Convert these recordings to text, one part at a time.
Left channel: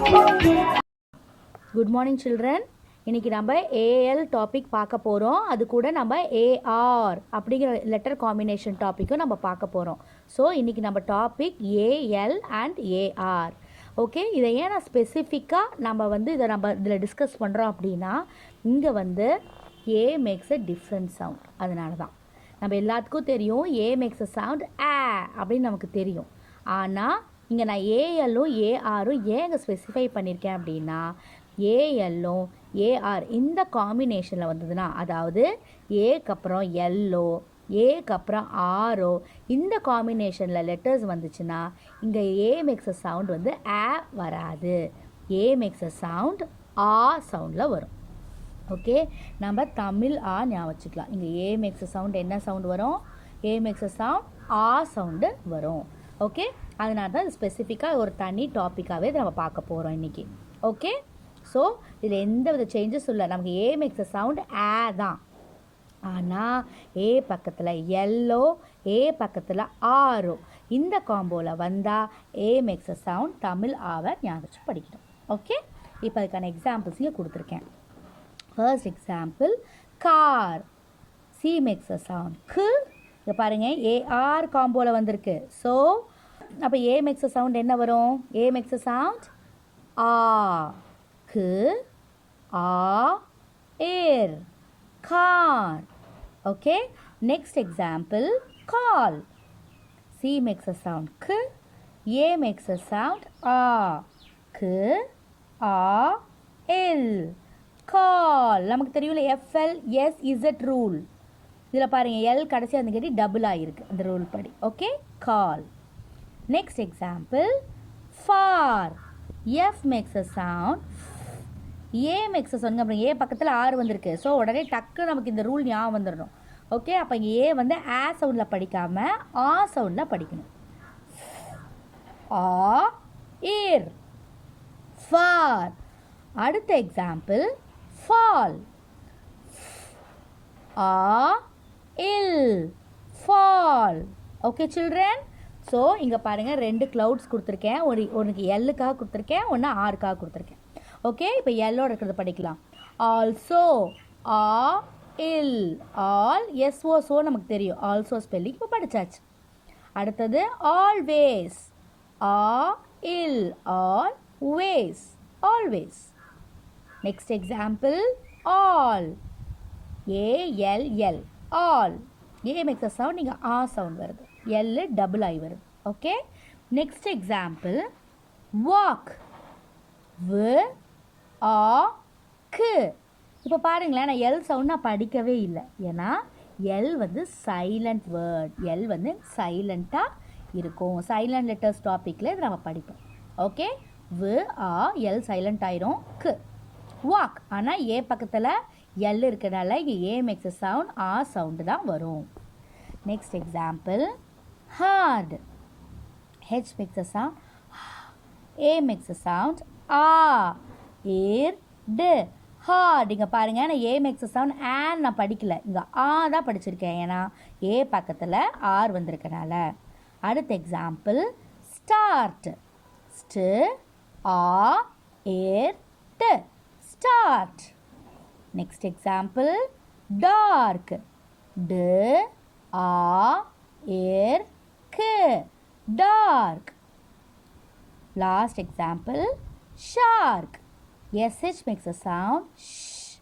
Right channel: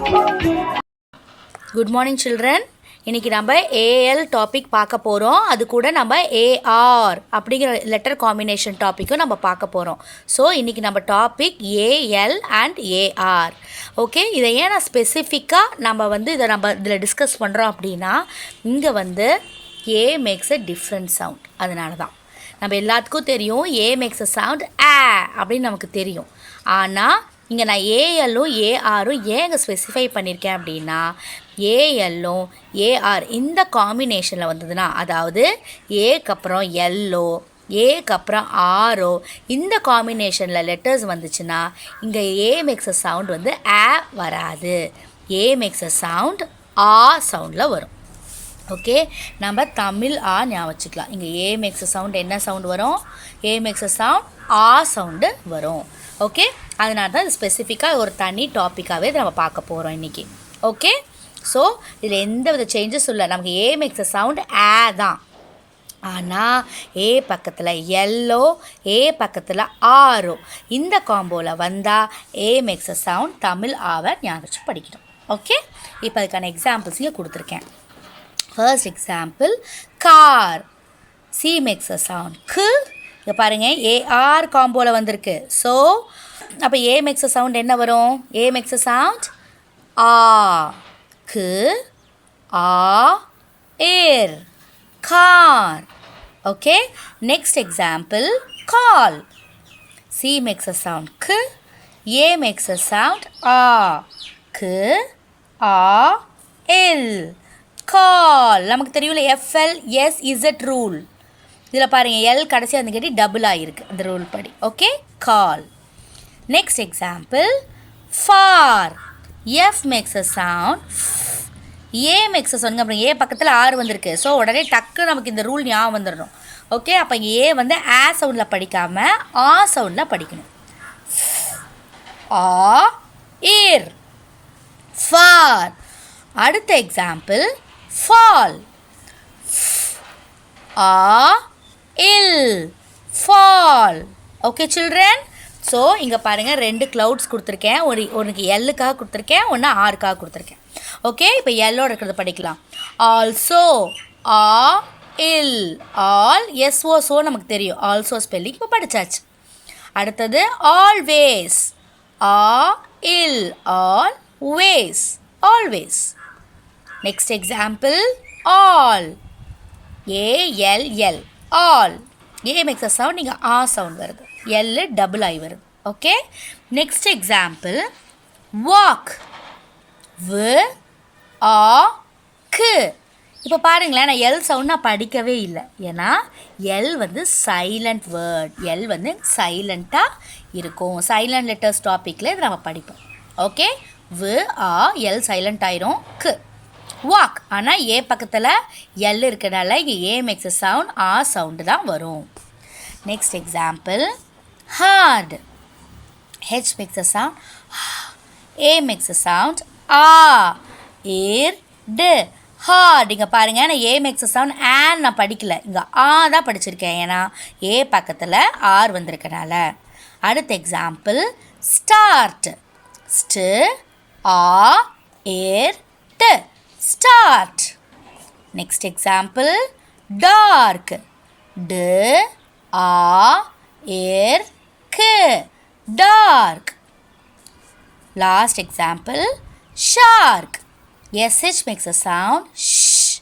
Good morning children. இன்றைக்கி நம்ம AL topic பார்க்க போகிறோம். அது கூட நம்ம ஏஆர் அப்படிங்கிற லெட்டர் காம்பினேஷன் டாப்பிக்கும் நம்ம பார்க்க போகிறோம். ஸோ இன்றைக்கி நம்ம topic AL and AR. Okay, இதை ஏன் நான் ஸ்பெசிஃபிக்காக நம்ம இதில் டிஸ்கஸ் பண்ணுறோம் அப்படின்னா, இங்கே A makes a different sound. அதனால தான் நம்ம எல்லாத்துக்கும் தெரியும் ஏ மேக்ஸ் அ சவுண்ட் ஆ அப்படின்னு நமக்கு தெரியும். ஆனால் இங்கே நான் ஏஎல்லும் ஏஆரும் ஏன் இங்கே ஸ்பெசிஃபை பண்ணியிருக்கேன் அப்படின்னா, ஏஎல்லும் ஏஆர் இந்த காம்பினேஷனில் வந்ததுன்னா, அதாவது ஏக்கு அப்புறம் எல்லோ ஏக்கு அப்புறம் ஆரோ இந்த காம்பினேஷனில் லெட்டர்ஸ் வந்துச்சுன்னா இங்கே ஏ மேக்ஸ் அ சவுண்ட் ஆ வராது. ஏ மேக்ஸ் அ சவுண்ட் ஆ சவுண்டில் வரும். ஓகே, நம்ம தமிழ் ஆ ஞாபகம் வச்சுக்கலாம். இங்கே ஏ மேக்ஸ் சவுண்ட் என்ன சவுண்ட் வரும்? ஏ மேக்ஸ் சவுண்ட் ஆ சவுண்டு வரும். ஓகே, அதனால தான் இது ஸ்பெசிஃபிக்காக ஒரு தனி டாப்பிக்காகவே நம்ம பார்க்க போகிறோம் இன்றைக்கி. ஓகே, ஸோ இதில் எந்த வித சேஞ்சஸ் இல்லை. நமக்கு ஏ மேக்ஸ் சவுண்ட் ஆ தான். ஆனால் ஏ பக்கத்தில் எல்லோ ஏ பக்கத்தில் ஆரோ இந்த காம்போவில் வந்தால் ஏ மேக்ஸ் சவுண்ட் தமிழ் ஆவை ஞாபகம் வச்சு படிக்கணும். ஓகே, இப்போ அதுக்கான எக்ஸாம்பிள்ஸ் இங்கே கொடுத்துருக்கேன். First example, car. C makes a sound. K. இங்கே பாருங்கள், AR காம்போவில் வந்திருக்கு. ஸோ அப்போ A makes a sound என்ன வரும்? A makes a sound ஆ. K ஆ ஏர். Car. Okay. Next example, call. C makes a sound K. A makes a sound ஆ. K ஆ எல். கால். நமக்கு தெரியும்ல FLSZ ரூல். இதில் பாருங்கள், எல் கடைசியாக வந்து கேட்டி டபுள் ஆகிருக்கு அந்த ரூல் படி. Okay, call. Next example, for. F maths a sound. A makes a sound. அப்புறம் ஏ பக்கத்தில் ஆறு வந்திருக்கு. ஸோ உடனே டக்கு நமக்கு இந்த ரூல் ஞாபகம் வந்துடணும். ஓகே, அப்போ இங்கே ஏ ஆ சவுண்டில் படிக்காமல் ஆ சவுண்டில் படிக்கணும். ஆ ஏர். ஃபார். அடுத்த எக்ஸாம்பிள், fall. ஆ இல். fall. ஓகே சில்ட்ரன், ஸோ இங்கே பாருங்கள், ரெண்டு க்ளவுட்ஸ் கொடுத்துருக்கேன். ஒன்றுக்கு எல்லுக்காக கொடுத்துருக்கேன், ஒன்று ஆருக்காக கொடுத்துருக்கேன். ஓகே, இப்போ எல்லோட இருக்கிறத படிக்கலாம். ஆல்சோ. ஆ இல். ஆல் எஸ்ஓ ஸோ நமக்கு தெரியும். ஆல்சோ ஸ்பெல்லிங் இப்போ படித்தாச்சு. அடுத்தது ஆல்வேஸ். ஆ இல். Always. Always. Next example, all. ALL. All. A makes a sound, இங்கே ஆ சவுண்ட் வருது. எல் டபுள் ஆகி வருது. Okay, next example, walk. வ ஆ கு. இப்போ பாருங்களேன், நான் எல் சவுண்ட் நான் படிக்கவே இல்லை. ஏன்னா எல் சைலண்ட் வேர்ட். எல் சைலண்ட்டாக இருக்கும். சைலண்ட் லெட்டர்ஸ் டாப்பிக்கில் இது நம்ம படிப்போம். ஓகே, வ ஆ எல் சைலண்ட் ஆயிரும். கு. வாக். ஆனால் ஏ பக்கத்தில் எல் இருக்கிறனால இங்கே ஏ மேக்ஸ் அ சவுண்ட் ஆ சவுண்டு தான் வரும். Next example, hard. H makes a sound. A makes a sound ஆ. ஏர் டு. ஹார்ட். இங்கே பாருங்கள், நான் ஏ மேக்ஸ் அ சவுண்ட் ஆன் நான் படிக்கல, இங்கே ஆ தான் படிச்சிருக்கேன். ஏன்னா ஏ பக்கத்தில் ஆர் வந்திருக்கனால. அடுத்த எக்ஸாம்பிள், ஸ்டார்ட். ஸ்டு ஆ ஏர் டு. ஸ்டார்ட். Next example, dark. டு ஆ ஏர் கு. Dark. Last example, shark. SH makes a sound. ஷ்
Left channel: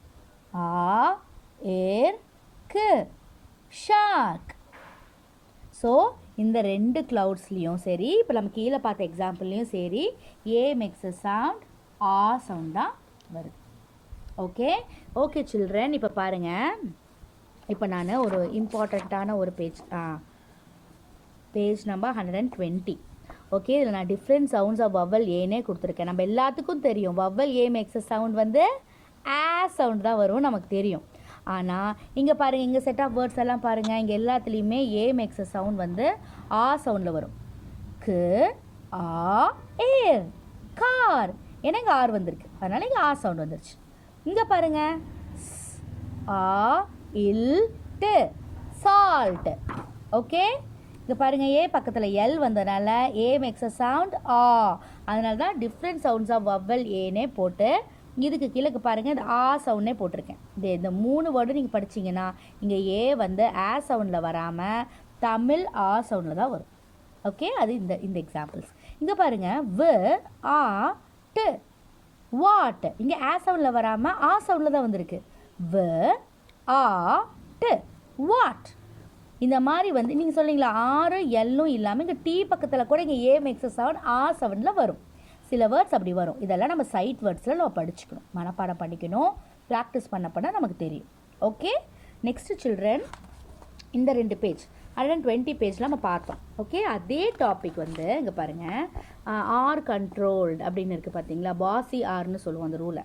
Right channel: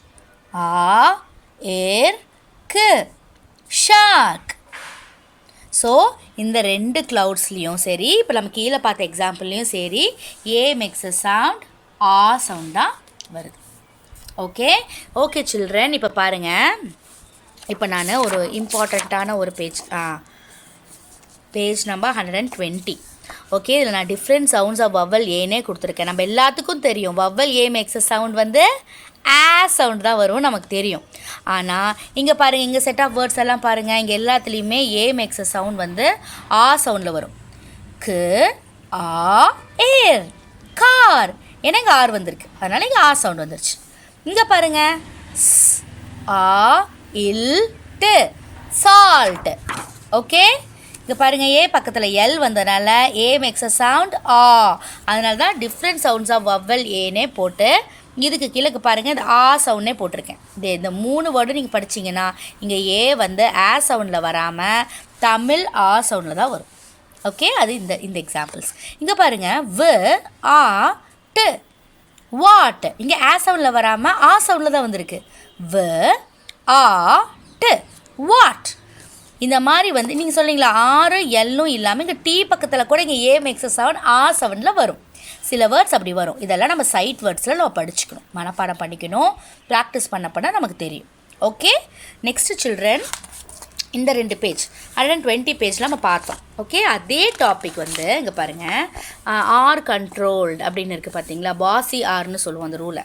ஆ ஏர் கு. ஷார்க். ஸோ இந்த ரெண்டு க்ளவுட்ஸ்லேயும் சரி, இப்போ நம்ம கீழே பார்த்த எக்ஸாம்பிள்லேயும் சரி, ஏ மேக்ஸ் அ சவுண்ட் ஆ சவுண்ட் தான் வருது. ஓகே ஓகே சில்ட்ரன், இப்போ பாருங்கள், இப்போ நான் ஒரு இம்பார்ட்டண்ட்டான ஒரு பேஜ் நம்பர் 120. ஓகே, இதில் நான் டிஃப்ரெண்ட் சவுண்ட்ஸ் ஆஃப் வவ்வல் ஏனே கொடுத்துருக்கேன். நம்ம எல்லாத்துக்கும் தெரியும் வவ்வல் ஏ மேக்ஸ் சவுண்ட் ஆ சவுண்ட் தான் வரும், நமக்கு தெரியும். ஆனால் இங்கே பாருங்கள், இங்கே செட் ஆஃப் வேர்ட்ஸ் எல்லாம் பாருங்கள், இங்கே எல்லாத்துலேயுமே ஏ மேக்ஸ் சவுண்ட் ஆ சவுண்டில் வரும். கு ஆ ஏர். கார். ஏன்னா இங்கே ஆர் வந்திருக்கு, அதனால் இங்கே ஆ சவுண்ட் வந்துருச்சு. இங்கே பாருங்கள், ஸ் ஆ இல் டு. சால்ட். ஓகே, இங்கே பாருங்கள் ஏ பக்கத்தில் எல் வந்ததுனால ஏ மேக்ஸ் அ சவுண்ட் ஆ, அதனால தான் டிஃப்ரெண்ட் சவுண்ட்ஸ் ஆஃப் வவ்வல் ஏனே போட்டு இதுக்கு கீழே பாருங்கள் இந்த ஆ சவுண்டே போட்டிருக்கேன். இந்த 3 வேர்டு நீங்கள் படிச்சிங்கன்னா இங்கே ஏ வந்து ஆ சவுண்டில் வராமல் தமிழ் ஆ சவுண்டில் தான் வரும். ஓகே, அது இந்த எக்ஸாம்பிள்ஸ். இங்கே பாருங்கள் வ ஆ டு வாட், இங்கே ஆ சவுண்டில் வராமல் ஆ சவுண்டில் தான் வந்திருக்கு. வ ஆ டு வாட். இந்த மாதிரி வந்து நீங்கள் சொன்னீங்களா ஆறு எல்லும் இல்லாமல் இங்கே டீ பக்கத்தில் கூட இங்கே ஏ மேக்ஸ் சவுண்ட் ஆ சவுண்டில் வரும். சில வேர்ட்ஸ் அப்படி வரும். இதெல்லாம் நம்ம சைட் வேர்ட்ஸில் நம்ம படிச்சுக்கணும், மனப்பாடம் பண்ணிக்கணும், ப்ராக்டிஸ் பண்ண நமக்கு தெரியும். ஓகே, நெக்ஸ்ட் சில்ட்ரன் இந்த 2 பேஜ் 120 பேஜில் நம்ம பார்த்தோம். ஓகே, அதே டாபிக் வந்து இங்கே பாருங்கள் ஆர் கண்ட்ரோல்டு அப்படின்னு இருக்குது பார்த்தீங்களா, பாசி ஆர்னு சொல்லுவோம் அந்த ரூலை.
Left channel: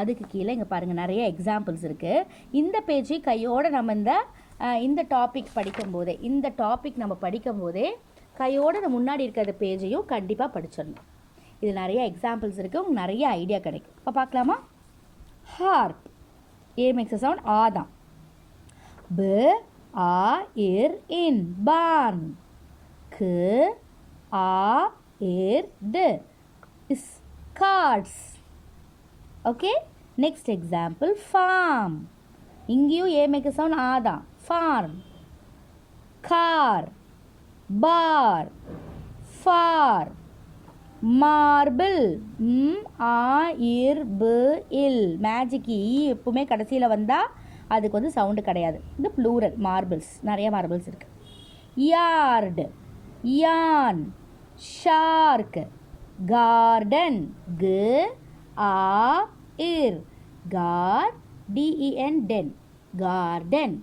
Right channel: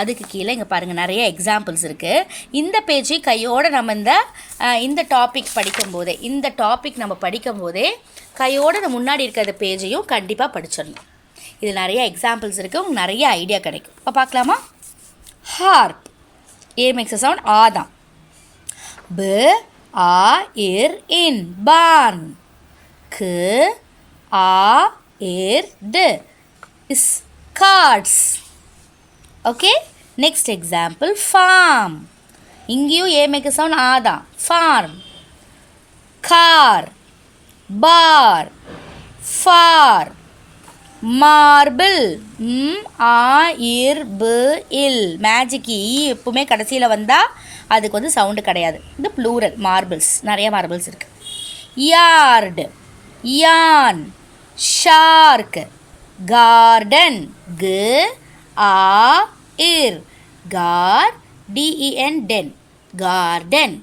அதுக்கு கீழே இங்கே பாருங்கள் நிறைய எக்ஸாம்பிள்ஸ் இருக்குது. இந்த பேஜை கையோடு நம்ம இந்த டாபிக் படிக்கும்போதே நம்ம படிக்கும்போதே கையோடு இந்த முன்னாடி இருக்கிற பேஜையும் கண்டிப்பாக படிச்சிடணும். இது நிறைய எக்ஸாம்பிள்ஸ் இருக்குது, உங்களுக்கு நிறைய ஐடியா கிடைக்கும். இப்போ பார்க்கலாமா? ஹார்ப் ஏ மேக்ஸ் சவுண்ட் ஆ தான். ப ஆ இர் இன் barn. க ஆ இர் d s cards. Okay, next example form. இங்கேயும் ஏ மேக்ஸ் சவுண்ட் ஆ தான். Form. Car bar far. Marble இல் மேஜிக் எப்பவுமே கடைசியில் வந்தால் அதுக்கு வந்து சவுண்டு கிடையாது. இது ப்ளூரல் மார்பிள்ஸ், நிறைய மார்பிள்ஸ் இருக்குது. Yard yarn. Shark garden. க ஆ இர் car DEN den garden.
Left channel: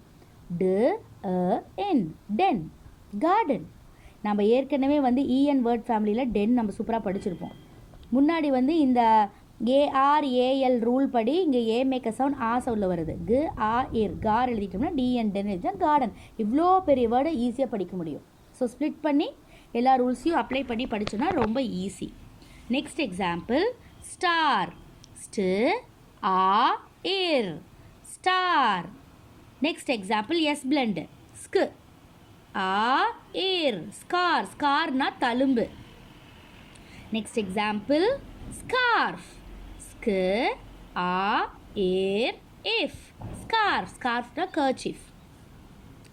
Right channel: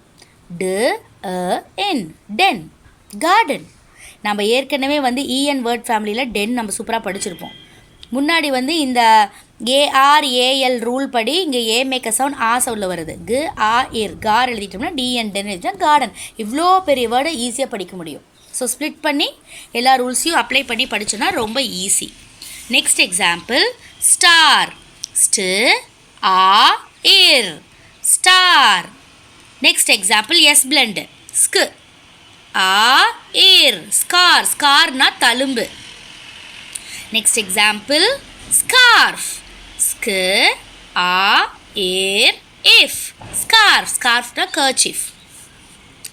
D n den garden. நம்ம ஏற்கனவே வந்து இஎன் வேர்ட் ஃபேமிலியில் டென் நம்ம சூப்பராக படிச்சிருப்போம். முன்னாடி வந்து இந்த ஏஆர்ஏஎல் ரூல் படி இங்கே ஏ மேக் அ சவுண்ட் ஆ சவுண்டில் வருது. கு ஆ இர் கார் எழுதிட்டோம்னா டிஎன் டென் எழுதிட்டா கார்டன். இவ்வளோ பெரிய வேர்டை ஈஸியாக படிக்க முடியும். ஸோ ஸ்ப்ளிட் பண்ணி எல்லா ரூல்ஸையும் அப்ளை பண்ணி படித்தோன்னா ரொம்ப ஈஸி. Next example star. ஸ்டு ஆ இர் star. Next example S blend. ஸ்கு ஆ இர் ஸ்கார். ஸ்கார்னா தழும்பு. Next example scarf. ஸ்கு ஆ இர் இஃப் ஸ்கார்ஃப். ஸ்கார்ஃப்னா கர்ச்சீஃப்.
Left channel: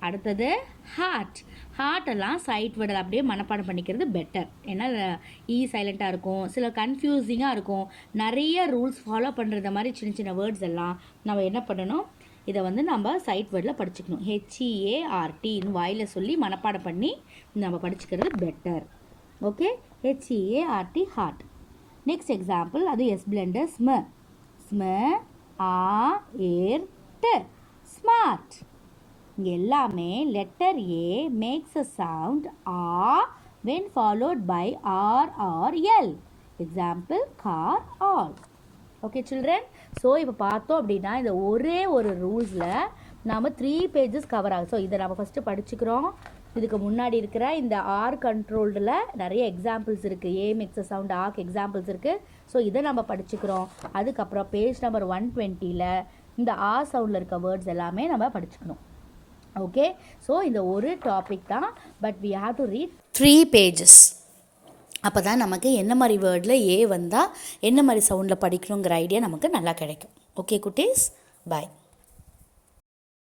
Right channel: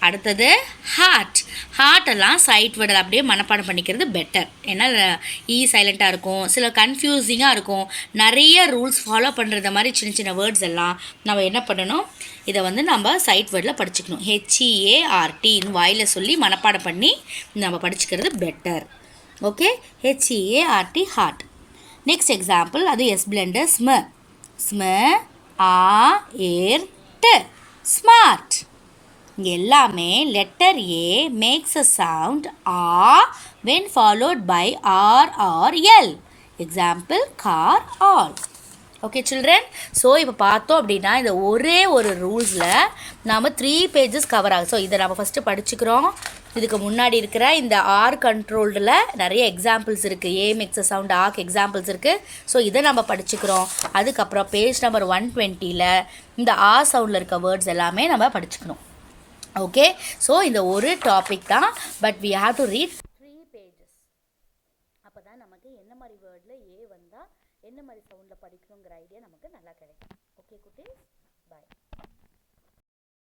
அடுத்தது ஹார்ட். ஹார்ட்டெல்லாம் சைட் வேர்டில் அப்படியே மனப்பாடம் பண்ணிக்கிறது பெட்டர். ஏன்னா சைலண்ட்டாக இருக்கும், சில கன்ஃபியூசிங்காக இருக்கும், நிறைய ரூல்ஸ் ஃபாலோ பண்ணுறது மாதிரி சின்ன சின்ன வேர்ட்ஸ் எல்லாம் நம்ம என்ன பண்ணணும், இதை வந்து நம்ம சைட் வேர்டில் படிச்சுக்கணும். ஹெச்இஏஆர்டின்னு வாயில் சொல்லி மனப்பாடம் பண்ணி நம்ம படிச்சுக்கிறது better. Okay, H E A R T hard. Next example அது எஸ் பிளெண்டர் ஸ்ம. ஸ்ம ஆ ஏர் ட ஸ்மார்ட். இங்கே எல்லாமே letter A makes a sound ஆ when followed by R R L. Example car all. Okay children, so இப்போ பார்த்தோம் அப்படின்னா இந்த ஒரே ஒரு ரூல்ஸில் நாம் 3 பேஜஸ் கவர் ஆகும். ஸோ இதை நம்ம ஃபஸ்ட்டு படிச்சுக்கிறோம். இதுக்கு முன்னாடி இருக்கிற இந்த ஆர் கண்ட்ரோல்டில் நிறைய எக்ஸாம்பிள்ஸ் இருக்குது. ஏ மேக்ஸ் அ சவுண்ட் ஆக்கு எக்ஸாம்பிள்ஸ் இருக்குது. ஸோ இதை நம்ம படிச்சுக்கிறோம். அதுக்கப்புறம் பேஜ் நம்பர் 120ல் இந்த ஆ சவுண்டில் இருக்க வேர்ட்ஸ் எல்லாமே நம்ம படிச்சுக்கணும். ஓகே, ஸோ இந்த ஒரு டாபிக் தான், but we have to read 3 pages. அப்போ தான் நமக்கு என்ன மாதிரி வேர்டில் ஏ வந்தால் என்ன மாதிரி சவுண்டில் படிக்கணுங்கிற ஐடியா நமக்கு நல்லா கிடைக்கும். ஓகே குட்டீஸ், பாய்.